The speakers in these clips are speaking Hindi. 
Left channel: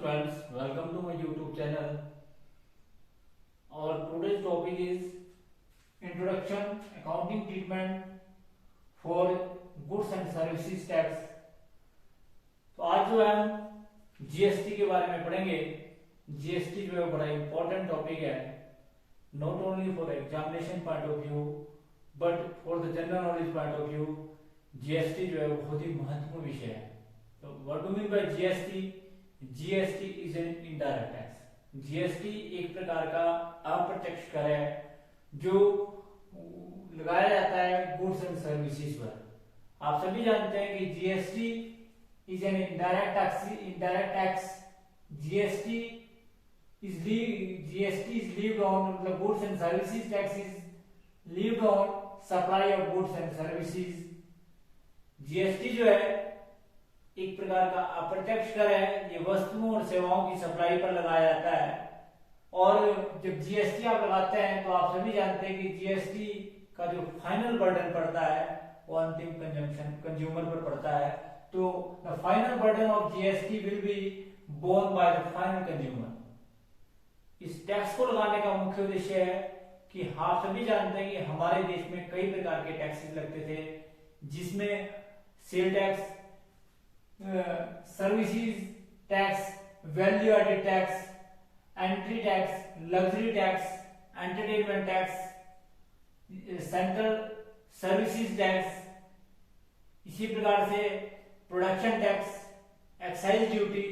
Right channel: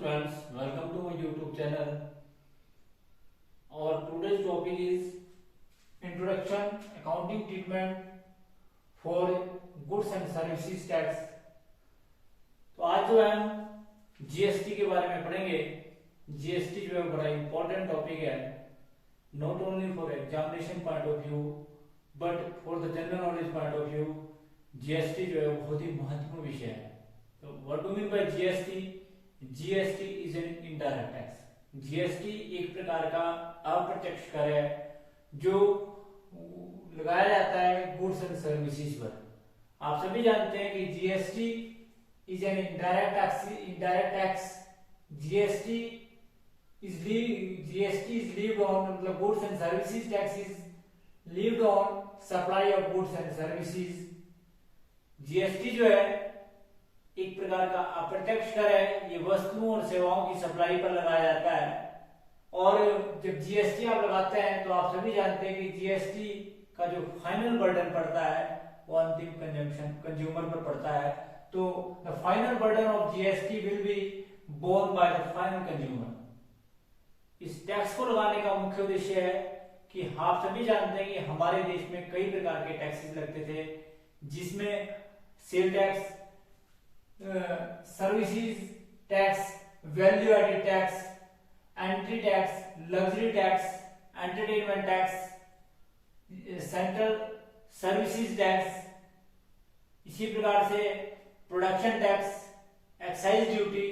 friends, welcome to my YouTube channel. Our today's topic is Introduction Accounting Treatment for Goods and Services Tax. तो आज जो है हम जीएसटी के बारे में पढ़ेंगे। जीएसटी जो है बड़ा इंपॉर्टेंट टॉपिक है, not only for examination point of view but for the general knowledge point of view GST जो है बहुत ही महत्वपूर्ण विषय है। तो what do mean by GST? GST is an indirect tax. GST एक प्रकार का अप्रत्यक्ष कर है जो लगाया जाता है गुड्स एंड सर्विसेज पर। आप सभी जानते हैं कि GST is an indirect tax. GST is levied on the goods and services tax is levied on supply of goods and services. GST जो है एक प्रकार का अप्रत्यक्ष कर है, ये वस्तुओं और सेवाओं की सप्लाई पर लगाया जाता है। और जब जीएसटी आप लगाते हैं तो आप सभी जानते हैं कि जीएसटी का जो फाइनल बर्डन पड़ता है वो अंतिम कंज्यूमर पर पड़ता है। तो the final burden of GST will be borne by the final consumer. इस टैक्स को लगाने का मुख्य उद्देश्य है कि आप सभी जानते हैं कि हमारे देश में कई प्रकार के टैक्सेस लगते थे, जिसमें sale tax, services tax, value added tax, entry tax, luxury tax, entertainment tax, central services tax, इसी प्रकार से प्रोडक्शन टैक्स, एक्साइज ड्यूटी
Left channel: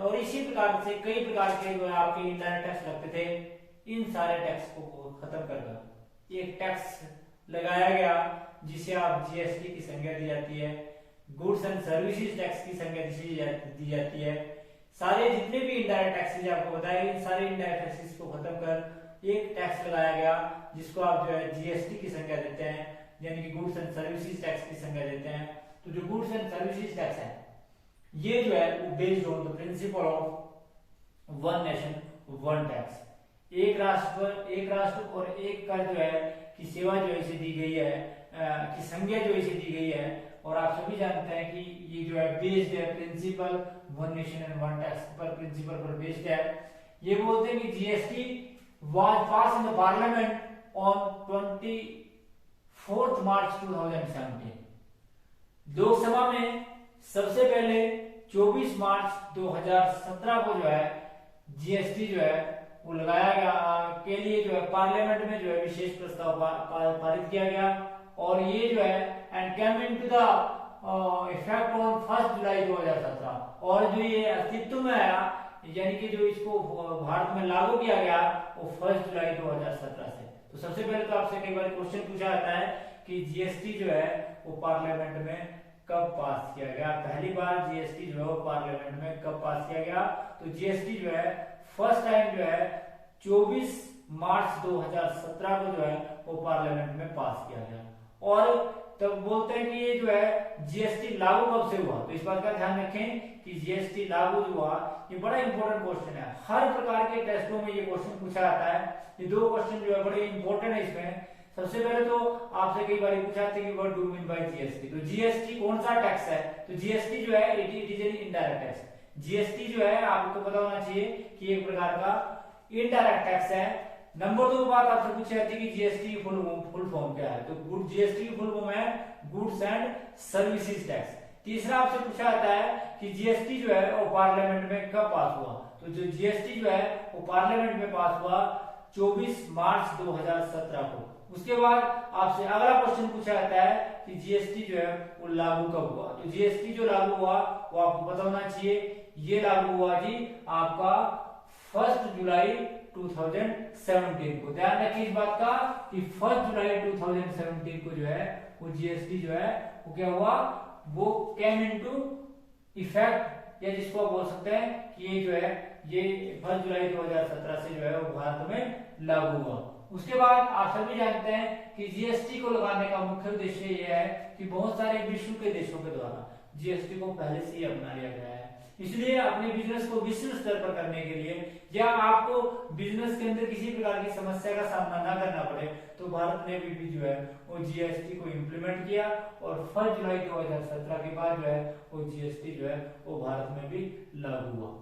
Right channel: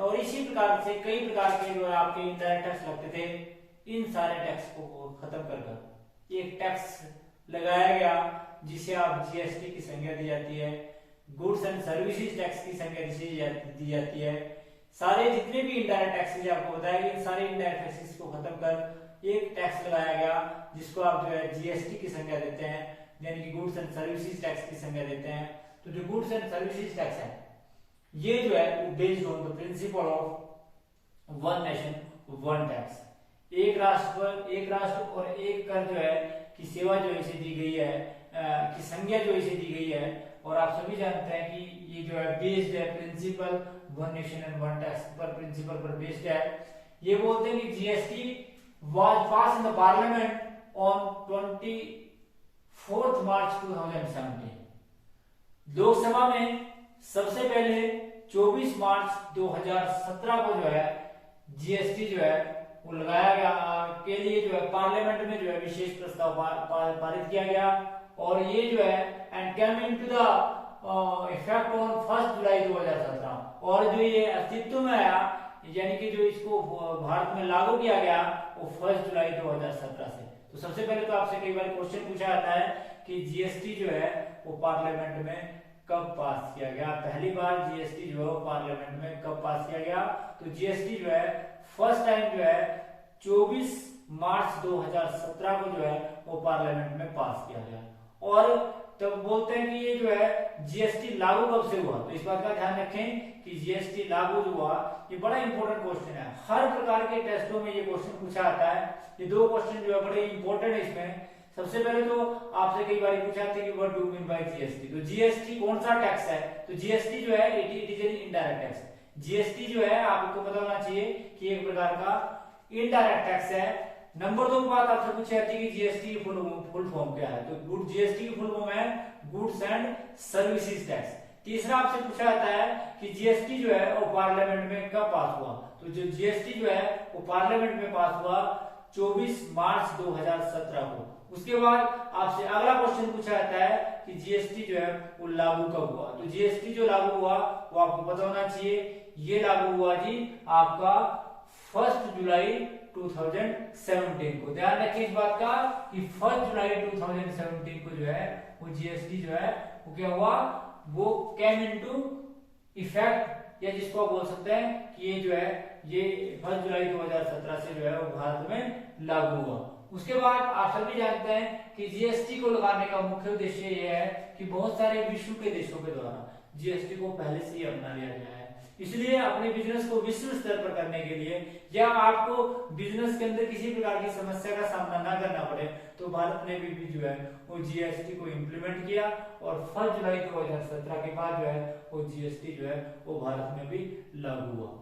और इसी प्रकार से कई प्रकार के जो आपके इनडायरेक्ट टैक्स लगते थे। इन सारे टैक्स को खत्म कर एक टैक्स लगाया गया जिसे आप जीएसटी की संज्ञा दी जाती है, गुड्स एंड सर्विसेज टैक्स की संज्ञा दी जाती है। सारे जितने भी इनडायरेक्ट टैक्सेस आपको बताया, इन सारे इनडायरेक्ट टैक्सेस को खत्म कर एक टैक्स लगाया गया जिसको आप जो है जीएसटी की संज्ञा देते हैं, यानी कि गुड्स एंड सर्विसेज टैक्स की संज्ञा देते हैं। तो जो गुड्स एंड सर्विसेज टैक्स है ये जो है वो based on the principle of one nation one tax. एक राष्ट्र और एक कर जो है की सेवा जो इसे दी गई है, की संज्ञा जो इसे दी गई है। और आप सभी जानते हैं कि ये जो है बेस्ड है principle one nation and one tax पर, प्रिंसिपल पर बेस्ड है। ये बोलते हैं कि GST was pass in the parliament on 24 March 2017। Lok Sabha में सबसे पहले 24 मार्च 2017 को जो है जीएसटी जो है वो लगाया गया के लिए जो है पार्लियामेंट में जो है विशेष प्रस्ताव पारित किया गया। और ये जो है and came into the effect on 1 जुलाई 2017। और जो ये अस्तित्व में आया, यानी कि जो इसको भारत में लागू किया गया वो 1 जुलाई 2017 से। तो सबसे पहले तो आपसे कई बार क्वेश्चन पूछा जाता है कि जीएसटी जो है वो पार्लियामेंट में कब पास किया गया। पहली बार जीएसटी जो है वो पार्लियामेंट में कब पास किया गया? तो जीएसटी जो है फर्स्ट टाइम जो है 24 मार्च 2017 को जो है वो पार्लियामेंट में पास किया गया। और तब बोलते हैं कि ये जो है जीएसटी लागू कब से हुआ? तो इस बात का ध्यान रखें कि जीएसटी लागू जो हुआ, ये बड़ा इंपॉर्टेंट क्वेश्चन है। हर प्रकार के टेस्टों में ये क्वेश्चन पूछा जाता है। ये दो क्वेश्चन जो है बड़े इंपॉर्टेंट है इसमें। सबसे पहले तो आपसे कई बार पूछा जाता है कि what do mean by GST. तो जीएसटी कौन सा टैक्स है? तो जीएसटी जो है it is an indirect tax. GST जो है आपको पता होना चाहिए कि एक प्रकार का इनडायरेक्ट टैक्स है। नंबर 2 बात आपसे पूछी जाती है कि जीएसटी की फुल फॉर्म क्या है? तो जीएसटी की फुल फॉर्म है गुड्स एंड सर्विसेज टैक्स। तीसरा आपसे पूछा जाता है कि जीएसटी जो है वो पार्लियामेंट में कब पास हुआ? तो जो जीएसटी जो है वो पार्लियामेंट में पास हुआ 24 मार्च 2017 को। उसके बाद आपसे अगला क्वेश्चन पूछा जाता है कि जीएसटी जो है वो लागू कब हुआ? तो जीएसटी जो लागू हुआ वो आपको पता होना चाहिए, ये लागू हुआ जी आपका 1 जुलाई 2017 को। ध्यान रखिए इस बात का कि 1 जुलाई 2017 को जो है वो जीएसटी जो है वो क्या हुआ, वो केम इनटू इफेक्ट, या जिसको आप बोल सकते हैं कि ये जो है ये 1 जुलाई 2017 से जो है वो भारत में लागू हुआ। उसके बाद आप सभी जानते हैं कि जीएसटी को लगाने का मुख्य उद्देश्य यह है कि बहुत सारे विश्व के देशों के द्वारा जीएसटी को पहले से ही अपना लिया गया है। इसलिए अपने बिजनेस को विश्व स्तर पर करने के लिए या आपको बिजनेस के अंदर किसी प्रकार की समस्या का सामना ना करना पड़े, तो भारत ने भी जो है वो जीएसटी को इम्प्लीमेंट किया और 1 जुलाई 2017 के बाद जो है वो जीएसटी जो है वो भारत में भी लागू हुआ।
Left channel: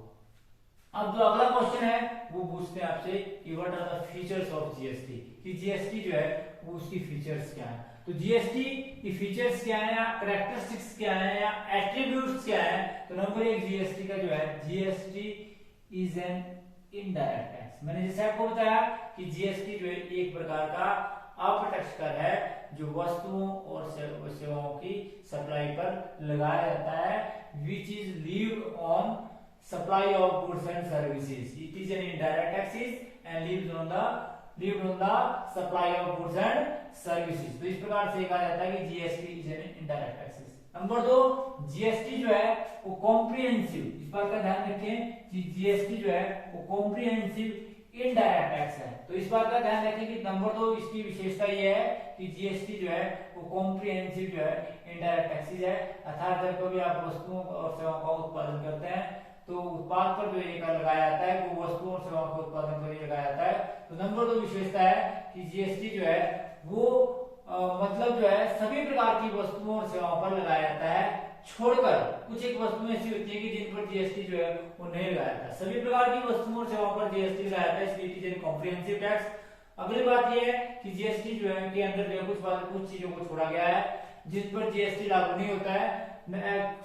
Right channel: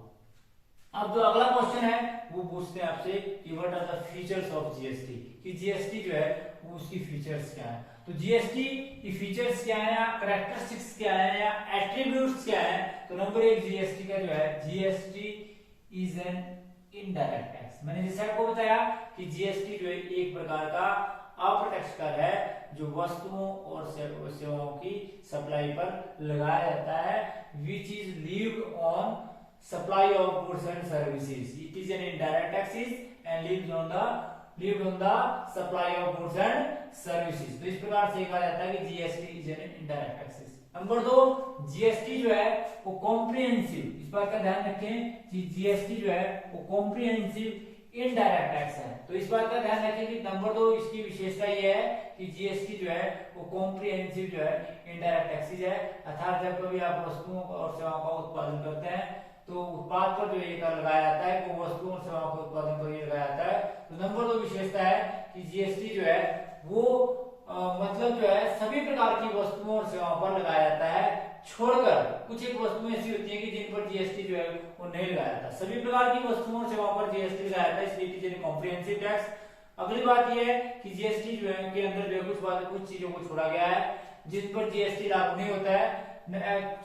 अब जो अगला क्वेश्चन है वो पूछते हैं आपसे कि what are the features of GST, कि जीएसटी जो है वो उसकी फीचर्स क्या है। तो जीएसटी की फीचर्स क्या है या कैरेक्टरिस्टिक्स क्या है या एट्रीब्यूट्स क्या है। तो नंबर 1 जीएसटी का जो है, GST is an indirect tax. मैंने जैसे आपको बताया कि जीएसटी जो है एक प्रकार का अप्रत्यक्ष कर है जो वस्तुओं और सेवाओं की सप्लाई पर लगाया जाता है, which is levied on supply of goods and services. It is an indirect taxes and lives on the supply of goods and services. तो इस प्रकार से कहा जाता है कि GST is an indirect taxes. Number 2, GST जो है वो कॉम्प्रिहेंसिव, इस बात का ध्यान रखें कि जीएसटी जो है वो कॉम्प्रिहेंसिव इनडायरेक्ट टैक्स है। तो इस बात का ध्यान रखें कि नंबर 2 इसकी विशेषता ये है कि जीएसटी जो है वो कॉम्प्रिहेंसिव जो है इनडायरेक्ट टैक्सेस है। अर्थात जब कभी आप वस्तुओं और सेवाओं का उत्पादन करते हैं तो उत्पाद पर जो ये कर लगाया जाता है वो वस्तुओं और सेवाओं के उत्पादन पर ये लगाया जाता है। तो नंबर 2 विशेषता है कि जीएसटी जो है वो मतलब जो है सभी प्रकार की वस्तुओं और सेवाओं पर लगाया जाता है, छोड़कर कुछ एक वस्तुएं ऐसी होती है कि जिन पर जीएसटी जो है वो नहीं लगाया जाता। सभी प्रकार की वस्तुओं और सेवाओं पर जीएसटी लगाया जाता है, इसलिए इट इज कॉम्प्रिहेंसिव टैक्स। अगली बात यह है कि जीएसटी जो है के अंदर जो है कुछ चीजों को छोड़ा गया है जिस पर जीएसटी लागू नहीं होता है,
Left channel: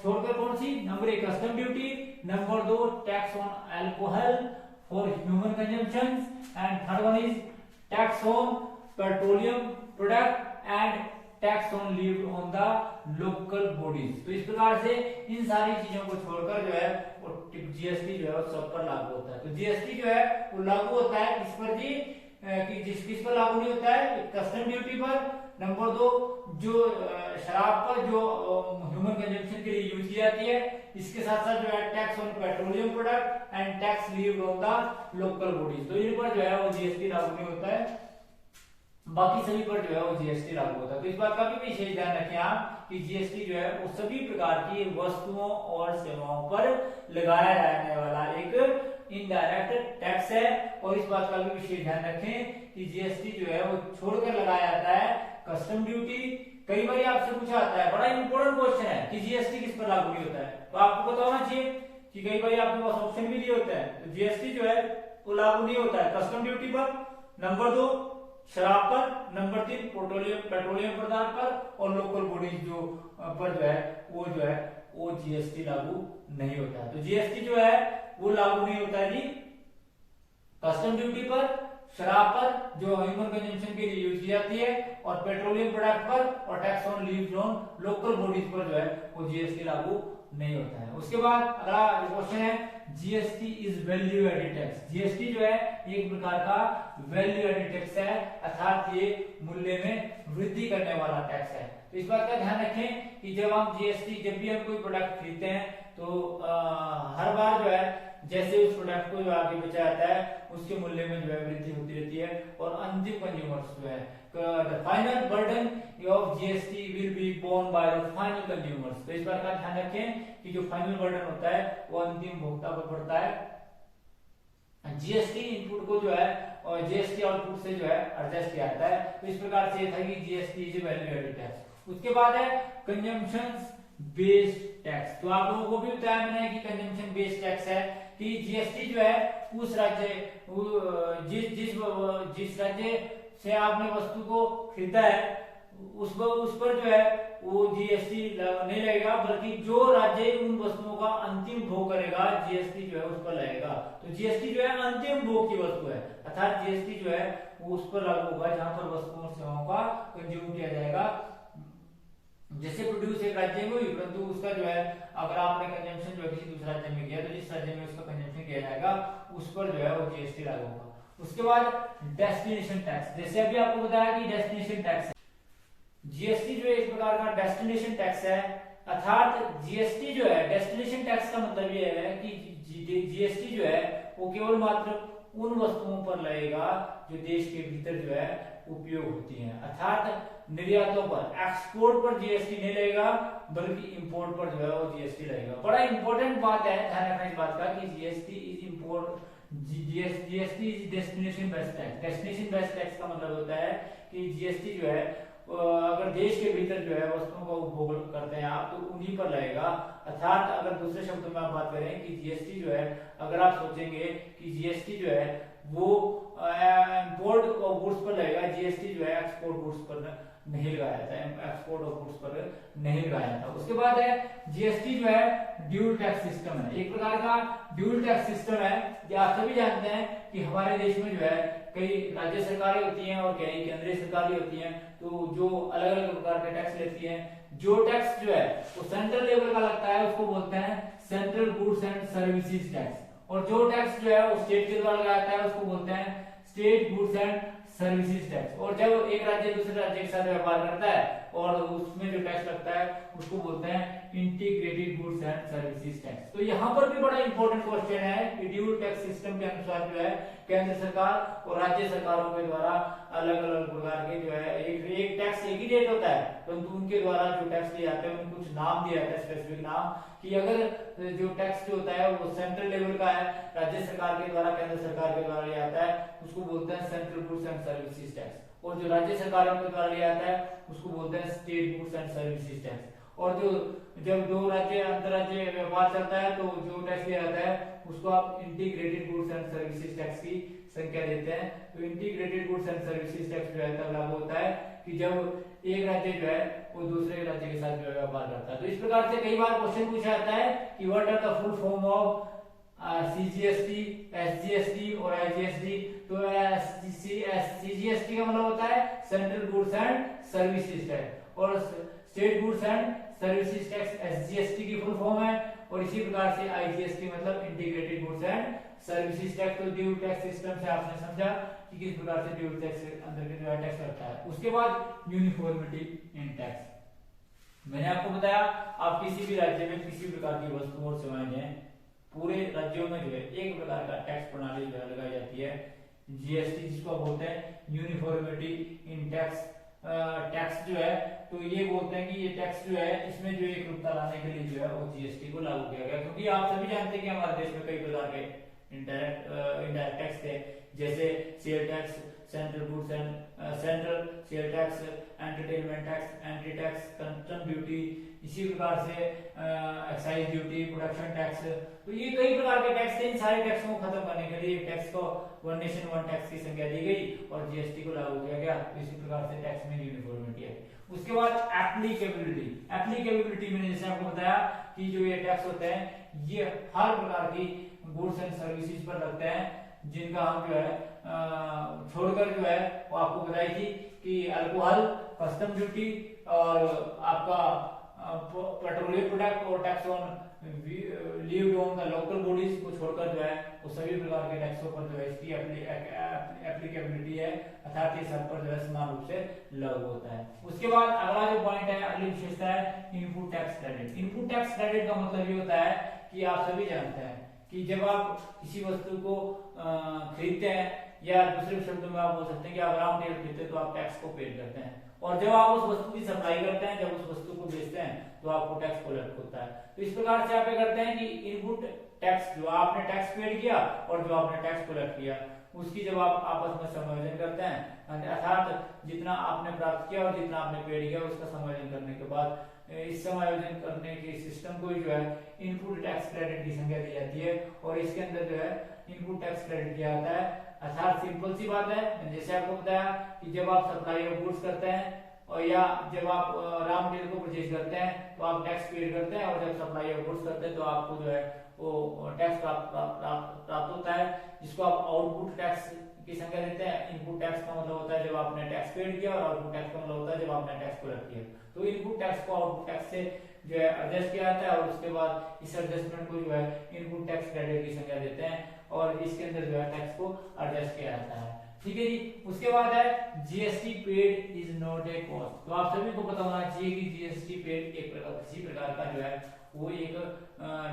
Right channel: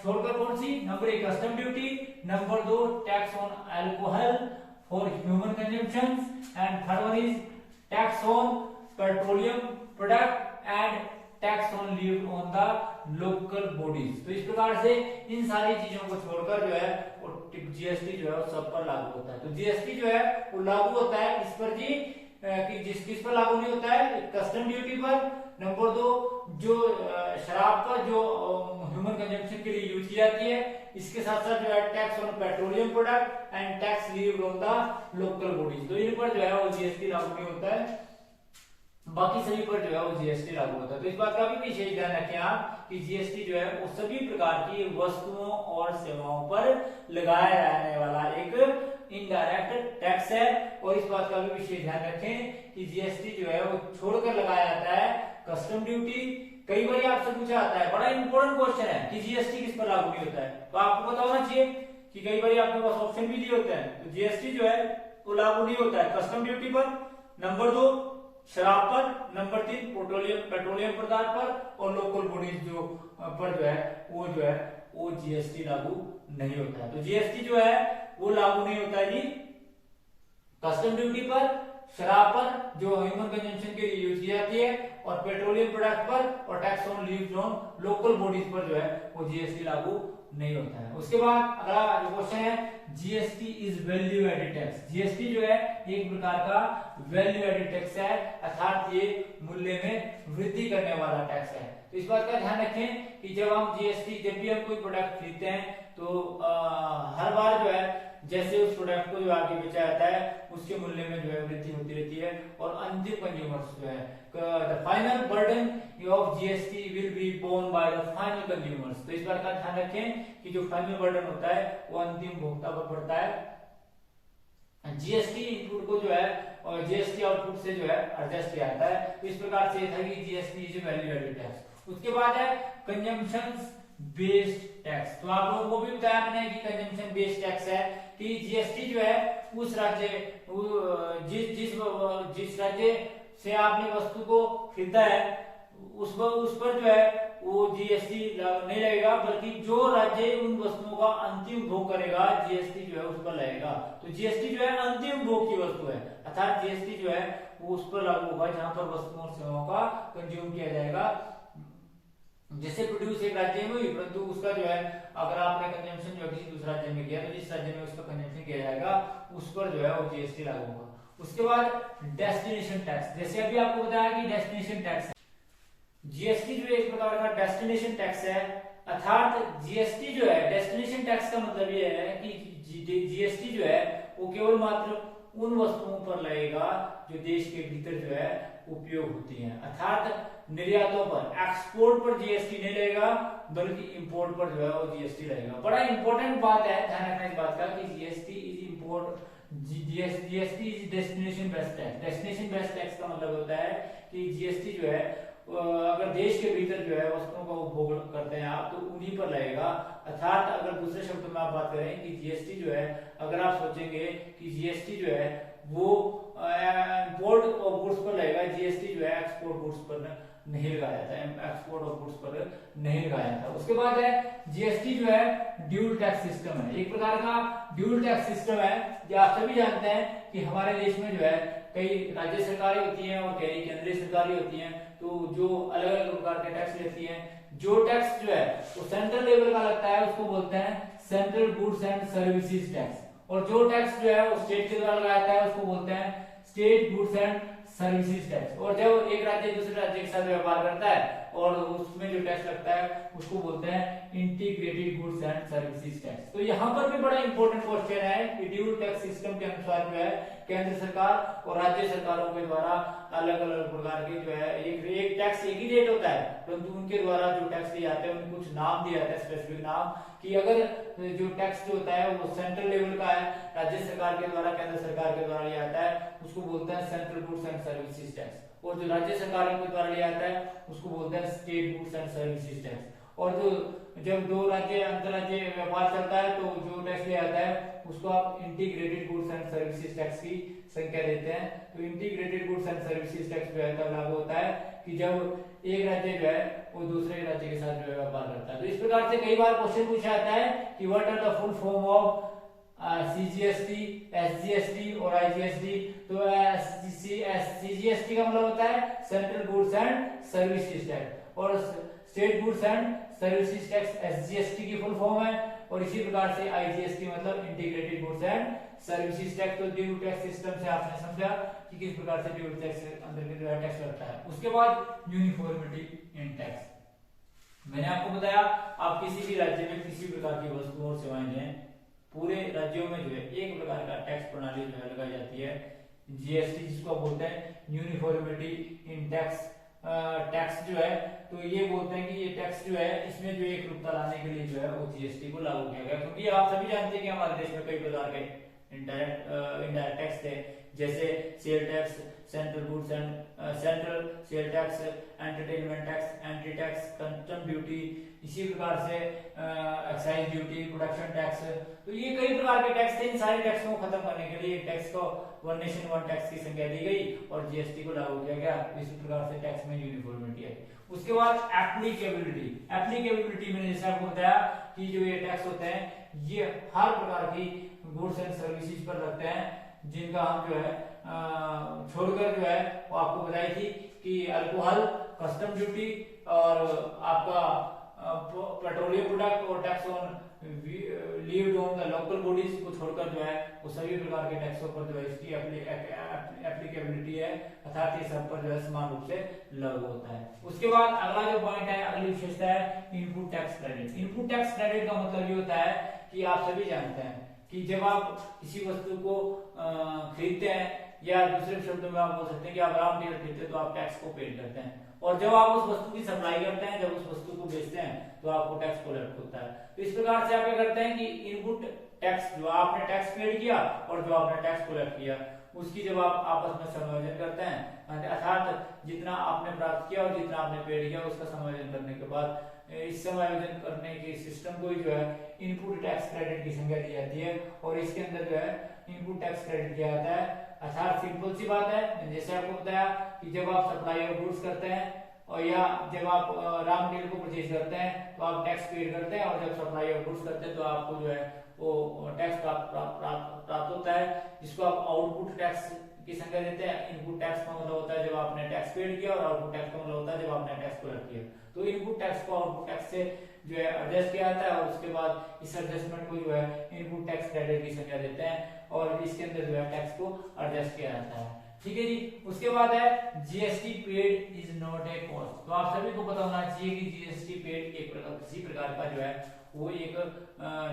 छोड़कर कौन सी। Number 1 custom duty, number 2 tax on alcohol for human consumption and third one is tax on petroleum product and tax on leave on the local bodies. तो इस प्रकार से इन सारी चीजों को छोड़कर जो है वो जीएसटी जो है सब पर लागू होता है। तो जीएसटी जो है वो लागू होता है इस पर जी कि किस पर लागू नहीं होता है, कस्टम ड्यूटी पर। नंबर 2 जो शराब पर जो ह्यूमन कंजम्पशन के लिए यूज की जाती है, इसके साथ साथ जो है tax on petroleum product and tax levied on the local bodies. तो इन पर जो है वो जीएसटी लागू नहीं होता है, बाकी सभी पर जो है वो जीएसटी लागू होता है। तो इस बात का भी विशेष ध्यान रखें आप कि जीएसटी जो है वो सभी प्रकार की वस्तुओं और सेवाओं पर लगाया जाने वाला एक इनडायरेक्ट टैक्स है। और इस बात का भी विशेष ध्यान रखें कि जीएसटी जो है वो छोड़कर लगाया जाता है कस्टम ड्यूटी। कई बार आपसे पूछा जाता है, बड़ा इंपॉर्टेंट क्वेश्चन है कि जीएसटी किस पर लागू नहीं होता है, तो आपको पता होना चाहिए कि कई बार आपके पास ऑप्शन भी दिए होते हैं। तो जीएसटी जो है वो लागू नहीं होता है कस्टम ड्यूटी पर, नंबर 2 शराब पर, नंबर 3 पेट्रोलियम पदार्थ पर और लोकल बॉडीज जो पर जो है वो जीएसटी लागू नहीं होता है। तो जीएसटी जो है वो लागू नहीं होता है जी कस्टम ड्यूटी पर, शराब पर जो ह्यूमन कंजम्पशन के लिए यूज की जाती है और पेट्रोलियम प्रोडक्ट पर और tax on leaves on local bodies पर जो है वो जीएसटी लागू नहीं होता है। उसके बाद अगला क्वेश्चन है GST is value added tax. GST जो है एक प्रकार का वैल्यू एडेड टैक्स है, अर्थात ये मूल्य में वृद्धि करने वाला टैक्स है। तो इस बात का ध्यान रखें कि जब भी हम कोई प्रोडक्ट खरीदते हैं तो हर बार जो है जैसे उस प्रोडक्ट को जो आगे बेचा जाता है उसके मूल्य में जो है वृद्धि होती रहती है और अंतिम कंज्यूमर्स जो है the final burden of GST will be borne by the final consumers. तो इस बात का ध्यान रखें कि जो फाइनल बर्डन होता है वो अंतिम भोक्ता पर पड़ता है। जीएसटी इनपुट को जो है और जीएसटी आउटपुट से जो है एडजस्ट किया जाता है। तो इस प्रकार से था कि GST is value added tax. उसके बाद है कंजम्पशन बेस्ड टैक्स। तो आप लोगों को भी बताया मैंने कि कंजम्पशन बेस्ड टैक्स है कि जीएसटी जो है उस राज्य जिस राज्य से आपने वस्तु को खरीदा है उस पर जो है वो जीएसटी नहीं लगेगा, बल्कि जो राज्य उन वस्तुओं का अंतिम भोग करेगा जीएसटी जो है उस पर लगेगा। तो जीएसटी जो है अंतिम भोग की वस्तु है, अर्थात जीएसटी जो है वो उस पर लागू होगा जहां पर वस्तुओं और सेवाओं का कंज्यूम किया जाएगा। जैसे प्रोड्यूस एक राज्य में हुई परंतु उसका जो है अगर आपने कंजम्पशन जो है किसी दूसरे राज्य में किया तो जिस राज्य में उसका कंजम्पशन किया जाएगा उस पर जो है वो जीएसटी लागू होगा। उसके बाद डेस्टिनेशन टैक्स, जैसे अभी आपको बताया कि डेस्टिनेशन टैक्स, जीएसटी जो है एक प्रकार का डेस्टिनेशन टैक्स है, अर्थात जीएसटी जो है डेस्टिनेशन टैक्स का मतलब ये है कि जीएसटी जो है वो केवल मात्र उन वस्तुओं पर लगेगा जो देश के भीतर जो है उपयोग होती हैं, अर्थात निर्यातों पर, एक्सपोर्ट पर जीएसटी नहीं लगेगा बल्कि इंपोर्ट पर जो है वो जीएसटी लगेगा। बड़ा इंपॉर्टेंट बात है, ध्यान रखना इस बात का कि GST is import, GST is destination based tax. Destination based tax का मतलब होता है कि जीएसटी जो है अगर देश के भीतर जो है वस्तुओं का उपभोग करते हैं आप तो उन्हीं पर लगेगा। अर्थात अगर दूसरे शब्दों में आप बात करें कि जीएसटी जो है, अगर आप सोचेंगे कि जीएसटी जो है वो इंपोर्ट गुड्स पर लगेगा, जीएसटी जो है एक्सपोर्ट गुड्स पर नहीं लगाया जाता है, एक्सपोर्ट ऑफ गुड्स पर नहीं लगाया जाता। उसके बाद है जीएसटी जो है ड्यूल टैक्स सिस्टम है, एक प्रकार का ड्यूल टैक्स सिस्टम है। जो आप सभी जानते हैं कि हमारे देश में जो है कई राज्य सरकारें होती हैं और कई केंद्रीय सरकारें होती हैं, तो जो अलग अलग प्रकार के टैक्स लेती हैं। जो टैक्स जो है वो सेंट्रल लेवल का लगता है उसको बोलते हैं central goods and services tax, और जो टैक्स जो है वो स्टेट के द्वारा लगाया जाता है उसको बोलते हैं state goods and services tax. और जब एक राज्य दूसरे राज्य के साथ व्यापार करता है और उसमें जो टैक्स लगता है उसको बोलते हैं integrated goods and services tax. तो यहाँ पर भी बड़ा इंपॉर्टेंट क्वेश्चन है कि ड्यूल टैक्स सिस्टम के अनुसार जो है केंद्र सरकार और राज्य सरकारों के द्वारा अलग अलग प्रकार के जो है एक टैक्स एक ही रेट होता है, परंतु उनके द्वारा जो टैक्स दिए जाते हैं उनको कुछ नाम दिया जाता है, स्पेसिफिक नाम, कि अगर जो टैक्स जो होता है वो सेंट्रल लेवल का है, राज्य सरकार के द्वारा केंद्र सरकार के द्वारा लिया जाता है, उसको बोलते हैं central goods and services tax, और जो राज्य सरकारों के द्वारा लिया जाता है उसको बोलते हैं state goods and services tax. और जो जब दो राज्य अंतरराज्यीय व्यापार चलता है तो जो टैक्स लिया जाता है उसको आप integrated goods and services tax की संख्या देते हैं। तो integrated goods and services tax जो है तब लागू होता है कि जब एक राज्य जो है वो दूसरे राज्य के साथ जो है व्यापार करता है। तो इस प्रकार से कई बार क्वेश्चन पूछा जाता है कि what are the full form of CGST, SGST और आईजीएसटी। तो सीजीएसटी का मतलब होता है central goods and services tax, और state goods and services tax SGST की फुल फॉर्म है, और इसी प्रकार से आईजीएसटी मतलब integrated goods and services tax. तो ड्यूल टैक्स सिस्टम से आपने समझा कि किस प्रकार से ड्यूल टैक्स अंतर्गत टैक्स लगता है। उसके बाद यूनिफॉर्मिटी इन टैक्स। मैंने आपको बताया आप किसी भी राज्य में किसी प्रकार की वस्तु और सेवाएं हैं, पूरे राज्यों में जो है एक प्रकार का टैक्स प्रणाली जो है लगाई जाती है, जीएसटी जिसको बोलते हैं यूनिफॉर्मिटी इन टैक्स। टैक्स जो है तो ये बोलते हैं कि ये टैक्स जो है इसमें जो एक रूपता लाने के लिए जो है वो जीएसटी को लागू किया गया, क्योंकि आप सभी जानते हैं कि हमारे देश में कई प्रकार के इनडायरेक्ट टैक्स थे, जैसे sale tax, central goods and central sale tax, entertainment tax, entry tax, custom duty, इसी प्रकार से एक्साइज ड्यूटी, प्रोडक्शन टैक्स। तो ये कई प्रकार के टैक्स थे। इन सारे टैक्स को खत्म करने के लिए टैक्स को वन नेशन वन टैक्स की संज्ञा दी गई और जीएसटी को लागू किया गया। इसी प्रकार से टैक्स में यूनिफॉर्मिटी है। उसके बाद एप्लीकेबिलिटी। एप्लीकेबिलिटी में जैसे आपको बताया कि जो ये टैक्स होते हैं ये हर प्रकार की गुड्स एंड सर्विसेज पर लगते हैं जिनका हम जो है छोड़कर जो है वो आपको बताई थी कि अल्कोहल, कस्टम ड्यूटी और आपका पेट्रोलियम प्रोडक्ट और tax on levied on the local bodies को छोड़कर जो है वो सभी प्रकार के टैक्सों पर जो है इसकी एप्लीकेबिलिटी है, अर्थात ये सब पर जो है समान रूप से लागू होता है। उसके बाद अगला जो पॉइंट है, अगली विशेषता है input tax credit. Input tax credit का मतलब ये होता है कि आप सभी जानते हैं कि जब आप किसी वस्तु को खरीदते हैं, या दूसरे शब्दों में आप बोल सकते हैं कि आप रॉ मटेरियल खरीदते हैं तो आप टैक्स को पेड करते हैं, और जब आप उस वस्तु की सप्लाई करते हैं, जब उस वस्तु को बेचते हैं तो आपको टैक्स कोलेक्ट होता है। तो इस प्रकार से आप क्या करते हैं कि इनपुट टैक्स जो आपने टैक्स पेड किया और जो आपने टैक्स कोलेक्ट किया उसकी जब आप आपस में समायोजन करते हैं, अर्थात जितना आपने प्राप्त किया और जितना आपने पेड किया उसका समायोजन करने के बाद इस समायोजन करने के सिस्टम को जो है इनपुट टैक्स क्रेडिट की संज्ञा दी जाती है, और इसके अंदर जो है इनपुट टैक्स क्रेडिट किया जाता है। अर्थात सिंपल सी बात है, जैसे आपको बताया कि जब आप सप्लाई ऑफ गुड्स करते हैं और या जब आप रॉ मटेरियल को परचेज करते हैं तो आप टैक्स पेड करते हैं, और जब सप्लाई ऑफ गुड्स करते हैं तो आपको जो है वो टैक्स प्राप्त होता है, जिसको आप आउटपुट टैक्स की संख्या देते हैं। इनपुट टैक्स का मतलब होता है जब आपने टैक्स पेड किया, और आउटपुट टैक्स का मतलब होता है जब आपने टैक्स कलेक्ट किया। तो इनपुट टैक्स को आउटपुट टैक्स से जो है एडजस्ट किया जाता है, और उसके बाद इस एडजस्टमेंट को जो है इनपुट टैक्स क्रेडिट की संख्या देते हैं, और इसके अंदर जो है टैक्स को एडजस्ट किया जाता है। ठीक है जी। उसके बाद है GST paid is not a cost. तो आप सभी को पता होना चाहिए कि जीएसटी पेड एक किसी प्रकार का जो है वो एक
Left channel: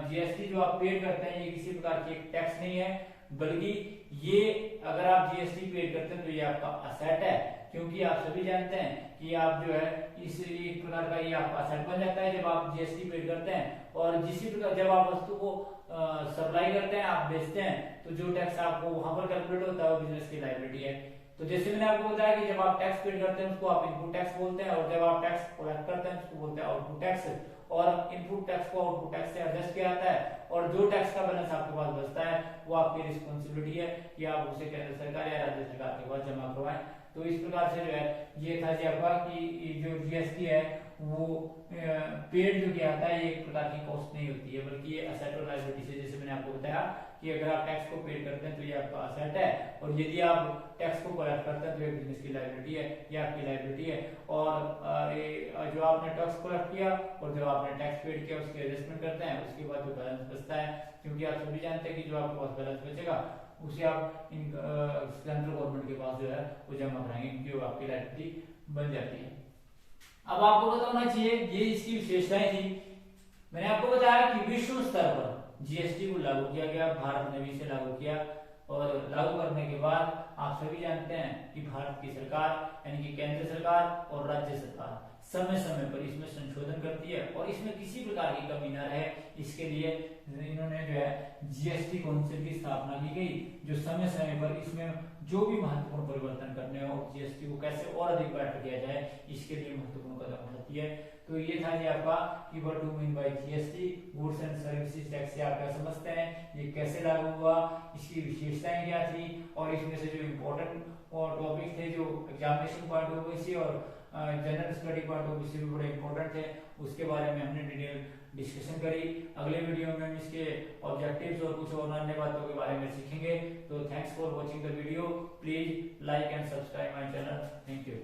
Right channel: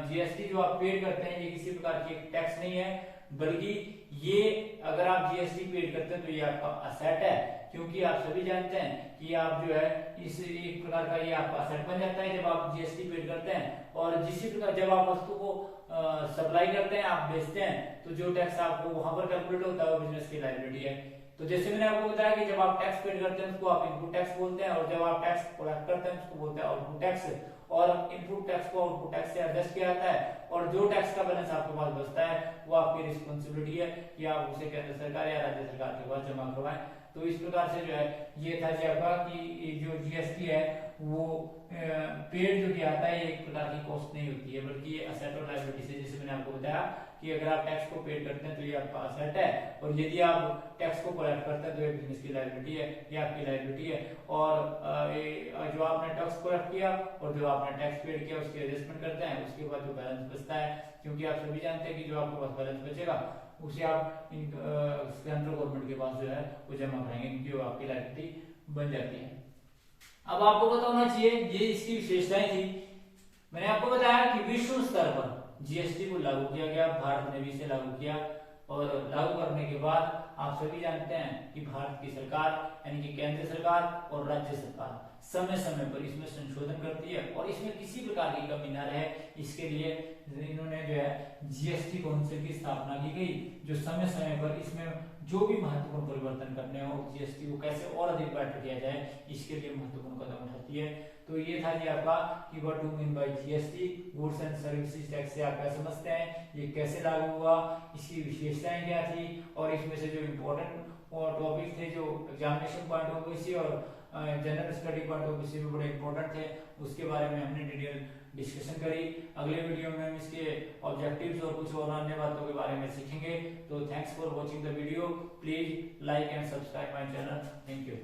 जीएसटी जो आप पेड करते हैं ये किसी प्रकार की एक टैक्स नहीं है, बल्कि ये अगर आप जीएसटी पेड करते हैं तो ये आपका असेट है, क्योंकि आप सभी जानते हैं कि आप जो है इस एक प्रकार का ये आपका असेट बन जाता है जब आप जीएसटी पेड करते हैं। और जिसी प्रकार जब आप वस्तु को सप्लाई करते हैं, आप बेचते हैं, तो जो टैक्स आपको वहां पर कैलकुलेट होता है वो बिजनेस की लायबिलिटी है। तो जैसे मैंने आपको बताया कि जब आप टैक्स पेड करते हैं उसको आप इनपुट टैक्स बोलते हैं, और जब आप टैक्स कलेक्ट करते हैं उसको बोलते हैं आउटपुट टैक्स। और इनपुट टैक्स को आउटपुट टैक्स से एडजस्ट किया जाता है, और जो टैक्स का बैलेंस आपके पास बचता है वो आपकी रिस्पॉन्सिबिलिटी है कि आप उसे केंद्र सरकार या राज्य सरकार के पास जमा करवाएं। तो इस प्रकार से जो है ये था जी आपका कि जो जीएसटी है वो पेड जो किया जाता है ये एक प्रकार की कॉस्ट नहीं होती है, बल्कि ये असेट और लायबिलिटी से, जैसे मैंने आपको बताया कि अगर आप टैक्स को पेड करते हैं तो ये आपका असेट है, और यदि आप टैक्स को कलेक्ट करते हैं तो ये बिजनेस की लायबिलिटी है, ये आपकी लायबिलिटी है। और जो आपने टैक्स कलेक्ट किया और जो आपने टैक्स पेड किया उसकी एडजस्टमेंट करते हैं, उसके बाद जो बैलेंस बचता है, क्योंकि आप सभी जानते हैं कि जो आपके पास बैलेंस बचेगा उसे आप सेंट्रल गवर्नमेंट के पास जो है वो जमा कराएंगे, क्योंकि वो आपकी लायबिलिटी बन जाती है। अब आपको पता होना चाहिए ये इसकी विशेषताएं थी। मैंने आपको बताया कि विश्व स्तर पर जीएसटी को लागू किया गया, भारत ने भी इसे लागू किया, और लागू करने के बाद आप सभी जानते हैं कि भारत की सरकार यानी कि केंद्र सरकार और राज्य सरकार समय समय पर इसमें संशोधन करती है, और इसमें किसी प्रकार की कमी न रहे इसके लिए इन्होंने जो है जीएसटी काउंसिल की स्थापना की गई, जो समय समय पर इसमें जो भी महत्वपूर्ण परिवर्तन करने हो, जीएसटी को कैसे और अधिक बेटर किया जाए, इसके लिए महत्वपूर्ण कदम उठाती है। तो ये था जी आपका कि what do mean by GST, goods and services tax से आप क्या समझते हैं, ये कैसे लागू हुआ, इसकी विशेषताएं क्या थी, और इसमें से जो इम्पोर्टेंट टॉपिक थे जो एग्जामिनेशन पॉइंट ऑफ व्यू से और general study point of view से भी बड़े इंपॉर्टेंट थे, उसके बारे में हमने डिटेल डिस्कशन करी। अगले वीडियो में हम इसके ऑब्जेक्टिव्स और कुछ और अन्य बातों के बारे में सीखेंगे। तो thanks for watching the video, please like and subscribe my channel. Thank you.